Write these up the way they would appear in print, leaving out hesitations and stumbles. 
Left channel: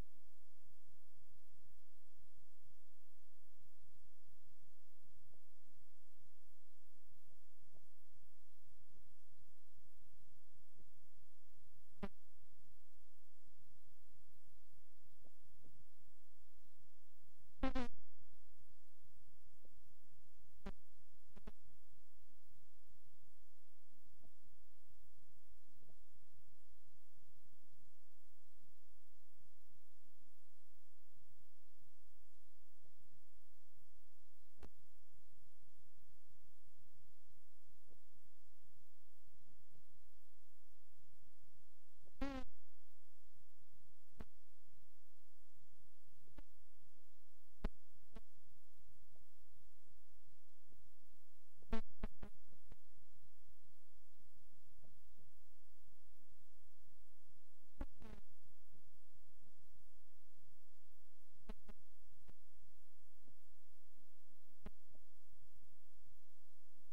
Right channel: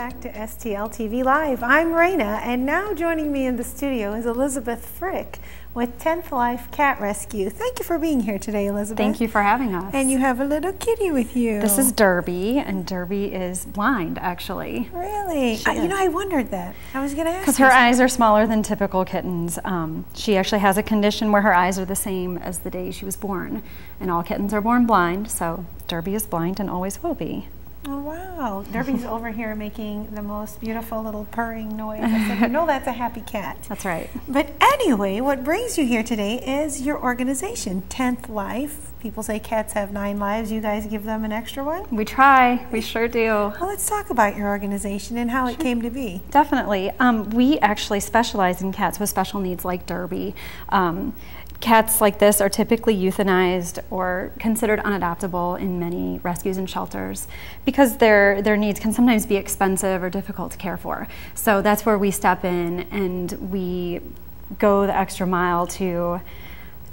back to STL TV Live. I'm Raynah, and now joining me in the studio is Elizabeth Frick with 10th Life Cat Rescue. Thank you for being here today, Elizabeth. Thank you for having us. And you have a little kitty with you. This is Derby, and Derby is blind, actually. Really? You know, I wondered that. I was going to ask. Because her eyes are smaller than typical kittens. She actually has a condition where her eyes are the same as the day she was born. And all kittens are born blind, so Derby is blind and always will be. Oh, wow. Derby's over here making the most beautiful little purring noise. I said, you know, that's a happy cat. That's right. But anyway, what brings you here today is your organization, 10th Life. People say cats have 9 lives. You guys give them an extra one? We try. We sure do. Well, let's talk about your organization and how it came to be. Definitely. We actually specialize in cats with special needs like Derby. Cats like this are typically euthanized or considered unadoptable in many rescues and shelters because their needs can sometimes be expensive or difficult to care for. So that's where we step in and we go the extra mile to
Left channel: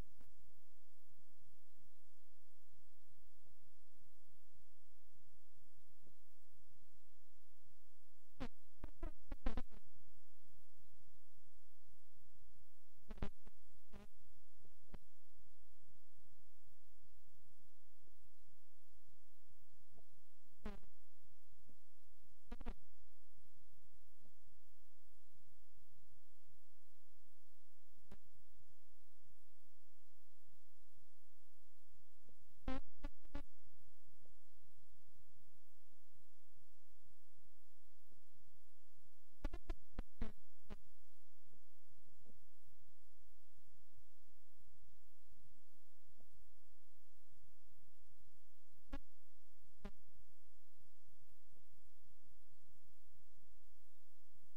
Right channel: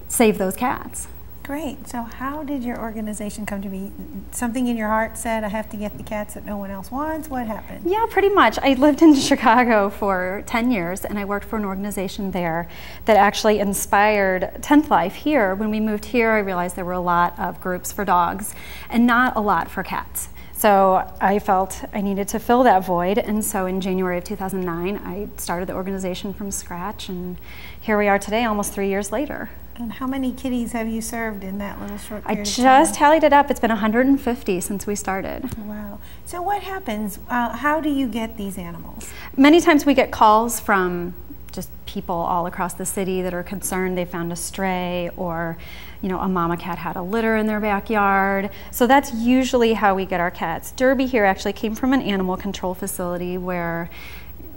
save those cats. Great. So how did your organization come to be? Something in your heart said, I have to get the cats that no one else wants? What happened? Yeah, pretty much. I lived in Chicago for 10 years and I worked for an organization there that actually inspired 10th Life here. When we moved here, I realized there were a lot of groups for dogs and not a lot for cats. So I felt I needed to fill that void, and so in January of 2009, I started the organization from scratch, and here we are today, almost 3 years later. And how many kitties have you served in that little short period of time? I just tallied it up. It's been 150 since we started. Wow. So what happens? How do you get these animals? Many times we get calls from just people all across the city that are concerned they found a stray, or you know, a mama cat had a litter in their backyard. So that's usually how we get our cats. Derby here actually came from an animal control facility where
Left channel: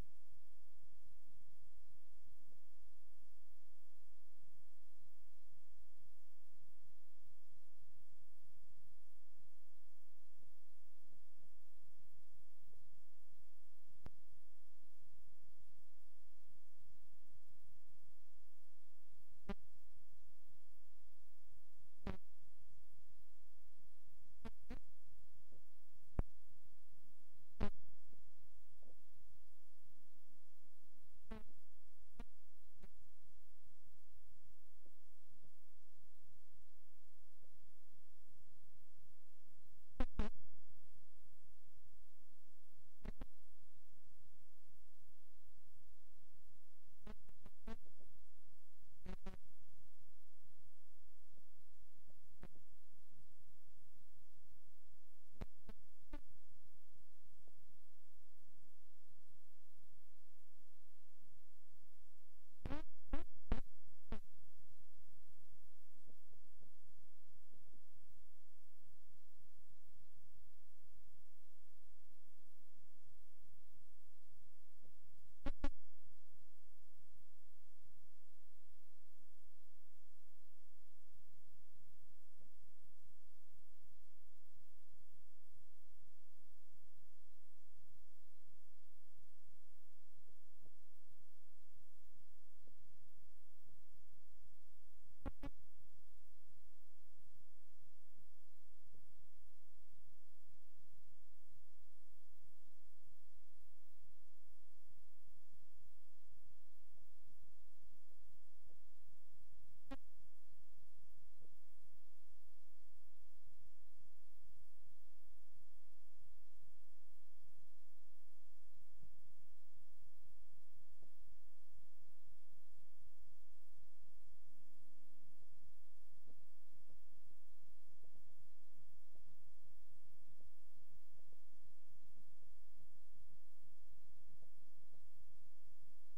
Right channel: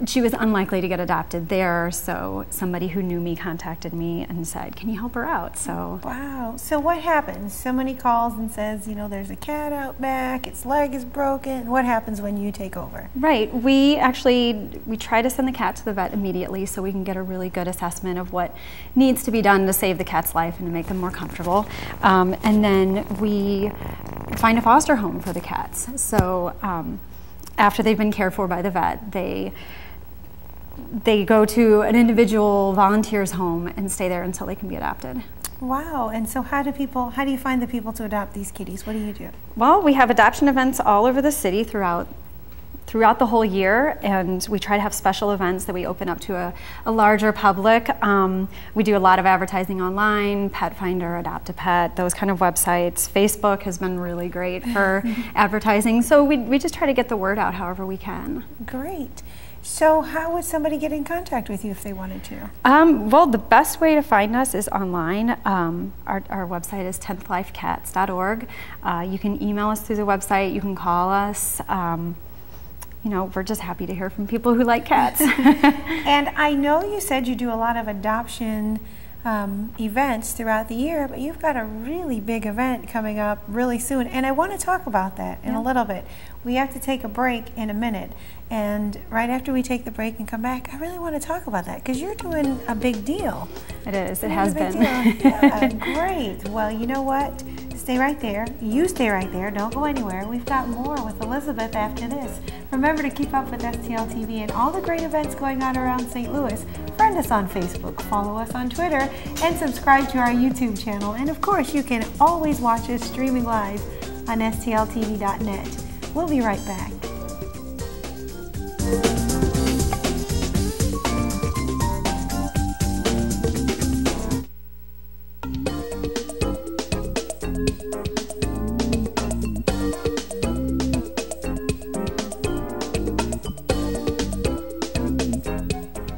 she was unlikely to get adopted there, so somebody who knew me contacted me and said, can you help her out? So wow. So what happens? Somebody calls and says, you know, there's a cat out back, its leg is broken. What happens when you take over? Right. We try to send the cat to the vet immediately so we can get a really good assessment of what needs to be done to save the cat's life and to make them more comfortable. And then we find a foster home for the cats. So after they've been cared for by the vet, they go to an individual volunteer's home and stay there until they can be adopted. Wow. And so how do you find the people to adopt these kitties? What do you do? Well, we have adoption events all over the city throughout the whole year, and we try to have special events that we open up to a larger public. We do a lot of advertising online, Pet Finder, Adopt a Pet, those kind of websites. Facebook has been really great for advertising, so we just try to get the word out however we can. Great. So how would somebody get in contact with you if they wanted to? Well, the best way to find us is online. Our website is 10thlifecats.org. You can email us through the website, you can call us. You know, we're just happy to hear from people who like cats. And I know you said you do a lot of adoption events throughout the year, but you've got a really big event coming up really soon, and I want to talk about that in a little bit. We have to take a break in a minute, and right after we take the break and come back, I really want to talk about that because you're doing a big deal. It is. It has been. Yeah, great. Well, you know what? Stay right there. You stay right there. Don't go anywhere. We've got more with Elizabeth after this. Remember to keep up with STL TV and all the great events going on around St. Louis. Friend us on Facebook, follow us on Twitter, and subscribe to our YouTube channel. And of course, you can always watch us streaming live on stltv.net. We'll be right back.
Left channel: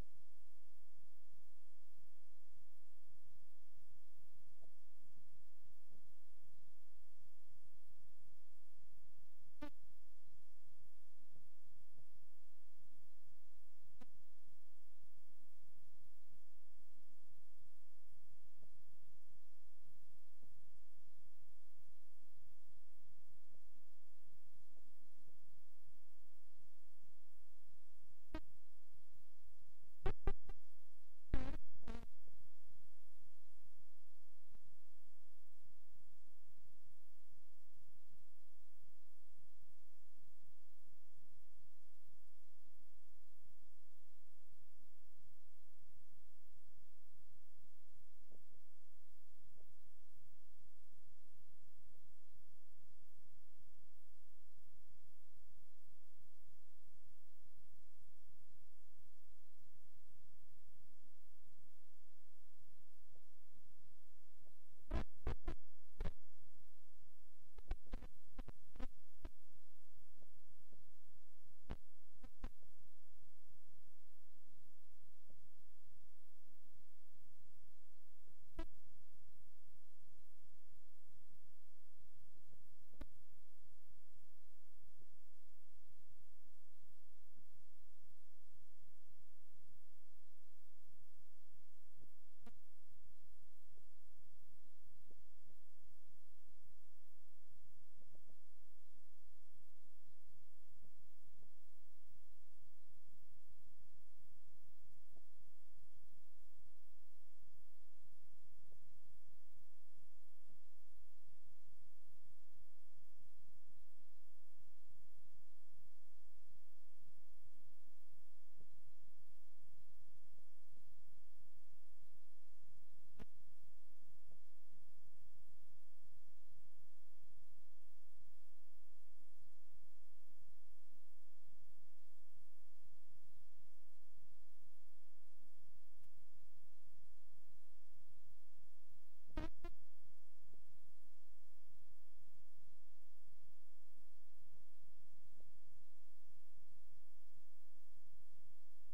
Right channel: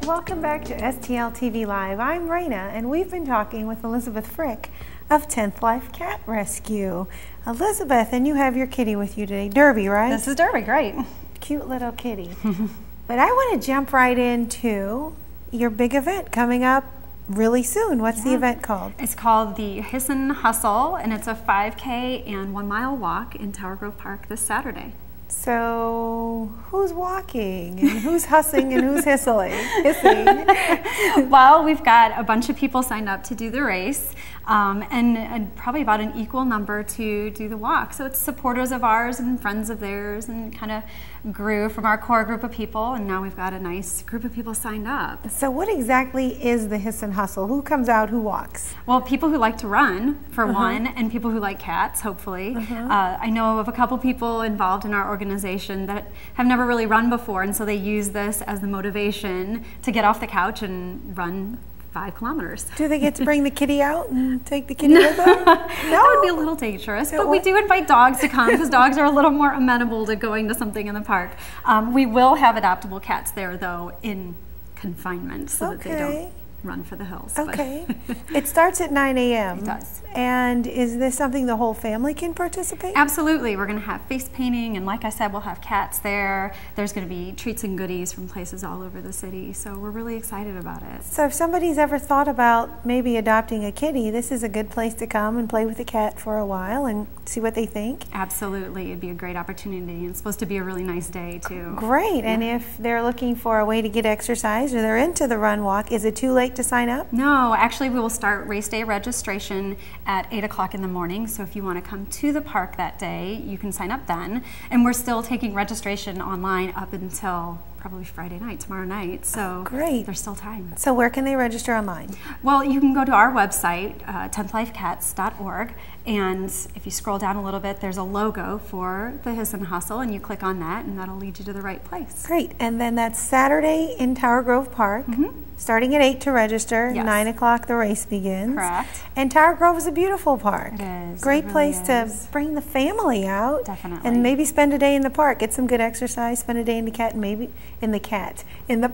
Welcome back to STL TV Live. I'm Raynah, and we've been talking with Elizabeth Frick of 10th Life Cat Rescue. Elizabeth, and you have your kitty with you today, Derby, right? This is Derby, great. Cute little kitty. But I want to jump right into your big event coming up really soon. What's the event called? It's called the Hissin Hustle, and it's a 5K and 1 mile walk in Tower Grove Park this Saturday. So who's walking and who's hussing and who's hissing? Well, we've got a bunch of people signed up to do the race, and probably about an equal number to do the walk. So it's supporters of ours and friends of theirs, and kind of grew from our core group of people, and now we've got a nice group of people signed up. So what exactly is the Hissin Hustle? Who comes out, who walks? Well, people who like to run, for one, and people who like cats, hopefully. I know of a couple people involved in our organization that have never really run before, and so they use this as the motivation to get off the couch and run 5 kilometers. Do they get to bring the kitty out and take the kitty with them? No? That would be a little dangerous, but we do invite dogs to come because dogs are a little more amenable to going to something in the park. We will have adoptable cats there, though, in confinement so that they don't run for the hills. Okay. It starts at 9 a.m. It does. And is this something the whole family can participate? Absolutely. We're going to have face painting, and like I said, we'll have cats there. There's going to be treats and goodies from places all over the city, so we're really excited about it. So if somebody's ever thought about maybe adopting a kitty, this is a good place to come and play with the cat for a while and see what they think? Absolutely. It'd be a great opportunity, and it's supposed to be a really nice day, too. Great. Yeah. And if they're looking for a way to get exercise or they're into the run walk, is it too late to sign up? No, actually we will start race day registration at 8 o'clock in the morning, so if you want to come to the park that day, you can sign up then. And we're still taking registration online up until probably Friday night, tomorrow night, so great. There's still time. So where can they register online? Well, you can go to our website, 10thlifecats.org, and if you scroll down a little bit, there's a logo for the Hissin Hustle, and you click on that, and that'll lead you to the right place. Great, and then that's Saturday in Tower Grove Park, starting at 8 to register, 9 o'clock the race begins. Correct. And Tower Grove is a beautiful park. It is. Great place to is. bring the family out. Definitely. And maybe spend a day in the park, get some good exercise, spend a day in the cat, and maybe in the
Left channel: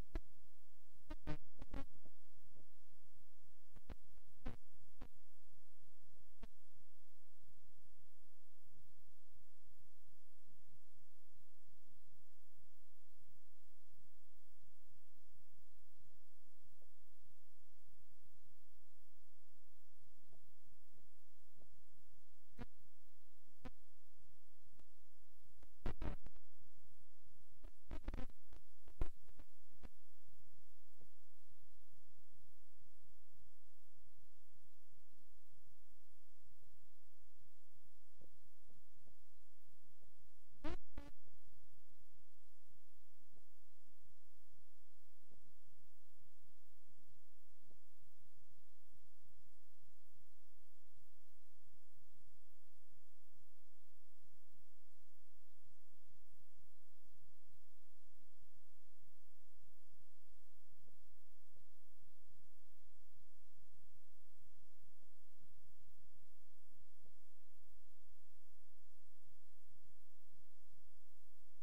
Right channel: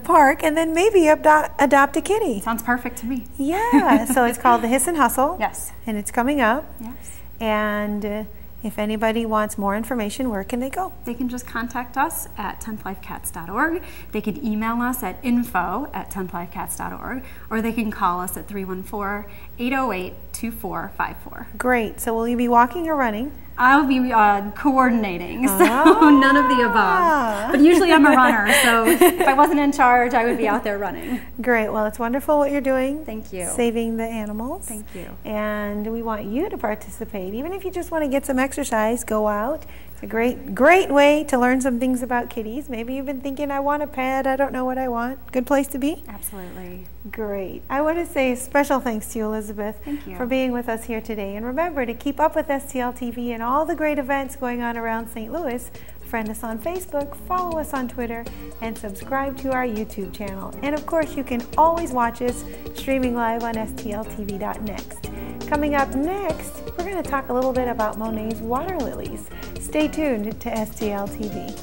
park, and then maybe adopt a kitty. Sounds perfect to me. Yeah, so it's called the Hissin Hustle. Yes. And it's coming up. Yes. And if anybody wants more information, where can they go? They can just contact us at 10thlifecats.org. They can email us at info@10thlifecats.org, or they can call us at 314-808-2454. Great. So will you be walking or running? I'll be coordinating, so none of the above. But usually I'm a runner, so if I wasn't in charge, I would be out there running. Great. Well, it's wonderful what you're doing. Thank you. Saving the animals. Thank you. And we want you to participate. Even if you just want to get some exercise, go out. It's a great way to learn some things about kitties. Maybe you've been thinking, I want a pet, I don't know what I want. Good place to be? Absolutely. Great. I want to say special thanks to you, Elizabeth, for being with us here today. And remember to keep up with STL TV and all the great events going on around St. Louis. Friend us on Facebook, follow us on Twitter, and subscribe to our YouTube channel. And of course, you can always watch us streaming live on stltv.next. Coming up next, we're going to talk a little bit about Monet's water lilies. Stay tuned to STL TV.